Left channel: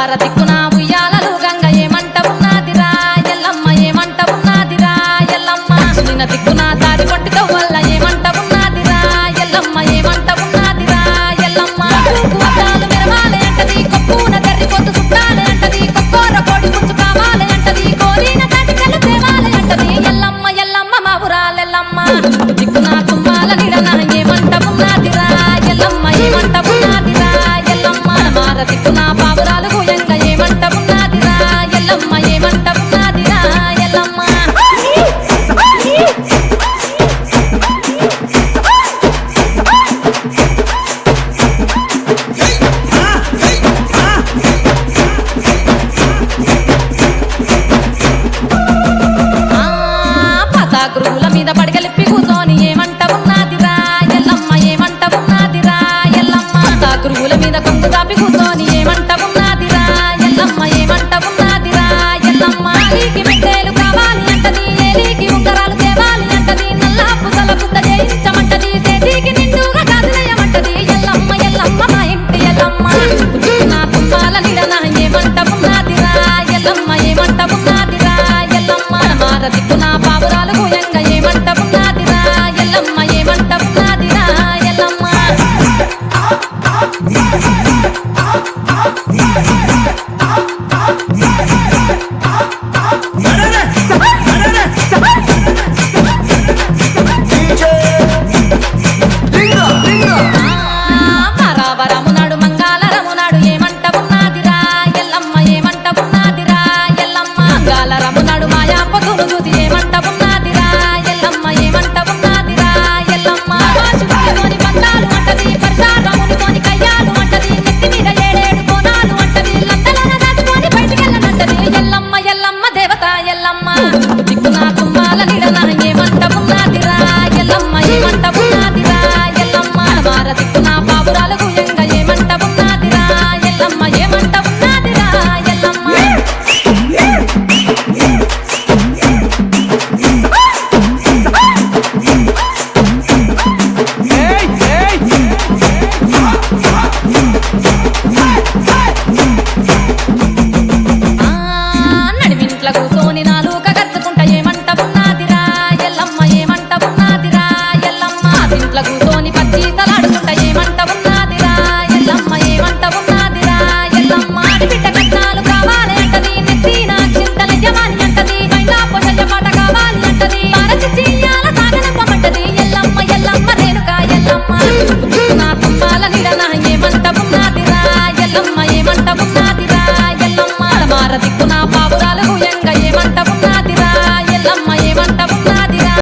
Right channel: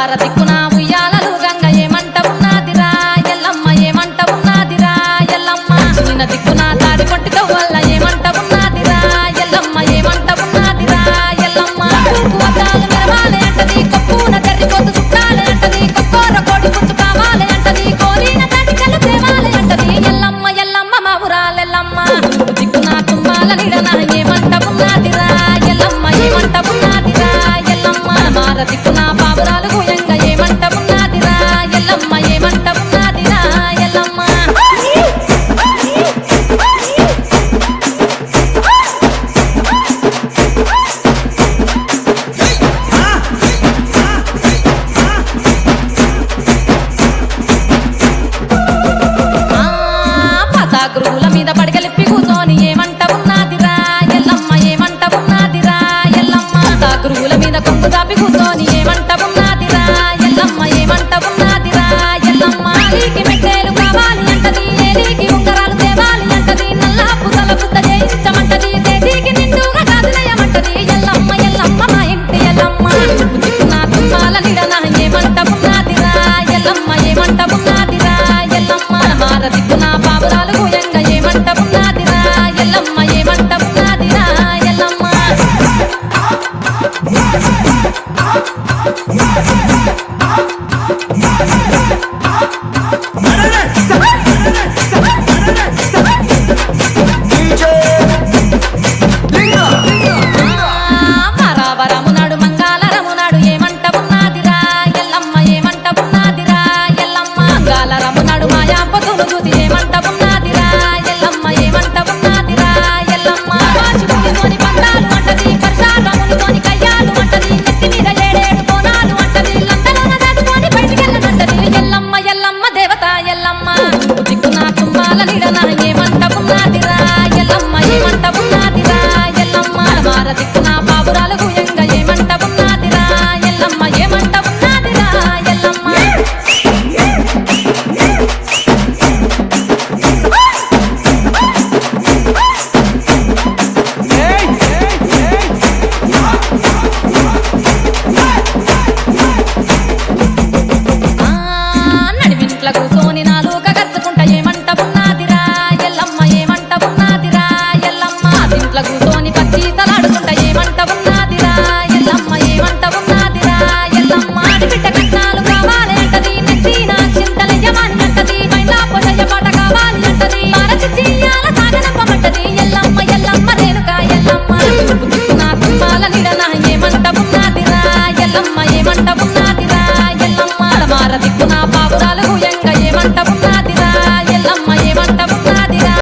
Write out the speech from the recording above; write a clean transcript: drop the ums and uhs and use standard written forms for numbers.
తెల్లవార దిక్కున ఉయ్యాలలు గంగ ఏమంట ఉన్నదిరా ఎల్లమ్మ ఏమంట ఉన్నదిరా ఎల్లమ్మ నిన్న దిక్కున తాడి కొట్టితో వల్ల ఏమంట ఉన్నదిరా ఎల్లమ్మ ఏమంట ఉన్నదిరా ఎల్లమ్మ వద్దాలు మెరవాలే అంటది కొప్పున కర్రిపోతు చుట్టాలే అంటది కొక్కోర కోడి పుంజు కావాలే అంటది కోరిన తాటికలు తేవాలే అంటది ఎల్లమ్మ ఎల్లమ్మ మా ఊరాలెల్లమ్మ దిక్కున తుమ్మాల నిడన ఏమంట ఉన్నదిరా ఎల్లమ్మ ఏమంట ఉన్నదిరా ఎల్లమ్మ మార దిక్కున పావురాలు గుయంగా ఏమంట ఉన్నదిరా ఎల్లమ్మ ఏమంట ఉన్నదిరా ఎల్లమ్మ గురువుల మీద పడగలిప్పి కూర్చొని ఏమంట ఉన్నదిరా ఎల్లమ్మ ఏమంట ఉన్నదిరా ఎల్లమ్మ గురువుల మీద కొంగు చాపి కూర్చొని ఏమంట ఉన్నదిరా ఎల్లమ్మ ఏమంట ఉన్నదిరా ఎల్లమ్మ నీకి మెట్టేలు కావాలి అంటది ఏలికి ఉంగరాలు తేవాలి అంటది నల్ల పుసల పుద్ద చేయించమంటది చేతికి నిండుగా గాజులేయమంటది ఎల్లమ్మ ఎల్లమ్మ మా ఇంటి ఎల్లమ్మ నా తుమ్మాల నిడన ఏమంట ఉన్నదిరా ఎల్లమ్మ ఏమంట ఉన్నదిరా ఎల్లమ్మ మార దిక్కున పావురాలు గుయంగా ఏమంట ఉన్నదిరా ఎల్లమ్మ ఏమంట ఉన్నదిరా ఎల్లమ్మ వరమునాడు మంగళరమునాడు ఏమంట ఉన్నదిరా ఎల్లమ్మ ఏమంట ఉన్నదిరా ఎల్లమ్మ మంగళరమునాడు మాయా పొద్దును చూసి ఏమంట ఉన్నదిరా ఎల్లమ్మ ఏమంట ఉన్నదిరా ఎల్లమ్మ వాచుకునితోని బంధాలు అంటది పరశారమునితోని కయ్యాలు అంటది నెత్తి మీద ఏడేడు కోనాలు అంటది లండలోన దాచుకొని బయటికెళ్ళనంటది ఎల్లమ్మ ఎల్లమ్మ దేవత ఎల్లమ్మ దిక్కున తుమ్మాల నిడన ఏమంట ఉన్నదిరా ఎల్లమ్మ ఏమంట ఉన్నదిరా ఎల్లమ్మ మార దిక్కున పావురాలు గుయంగా ఏమంట ఉన్నదిరా ఎల్లమ్మ ఏమంట ఉన్నదిరా ఎల్లమ్మ నడిమింట్ల కూసోని నాలుక గరుచుకుంటా ఏమంట ఉన్నదిరా ఎల్లమ్మ ఏమంట ఉన్నదిరా ఎల్లమ్మ ఇంట్ల కూసోని పచ్చి సలాడుకుంటా ఏమంట ఉన్నదిరా ఎల్లమ్మ ఏమంట ఉన్నదిరా ఎల్లమ్మ బిడ్డ కట్నాలు కావాలి అంటది నెత్తిన చింతల యమాని అంటది మైలా పొషయ్య పాట కావాలి అంటది మారచియ్యాల సాగనంపమంటది ఎల్లమ్మ ఎల్లమ్మ రేణుక ఎల్లమ్మ దిక్కున తుమ్మాల నిడన ఏమంట ఉన్నదిరా ఎల్లమ్మ ఏమంట ఉన్నదిరా ఎల్లమ్మ మార దిక్కున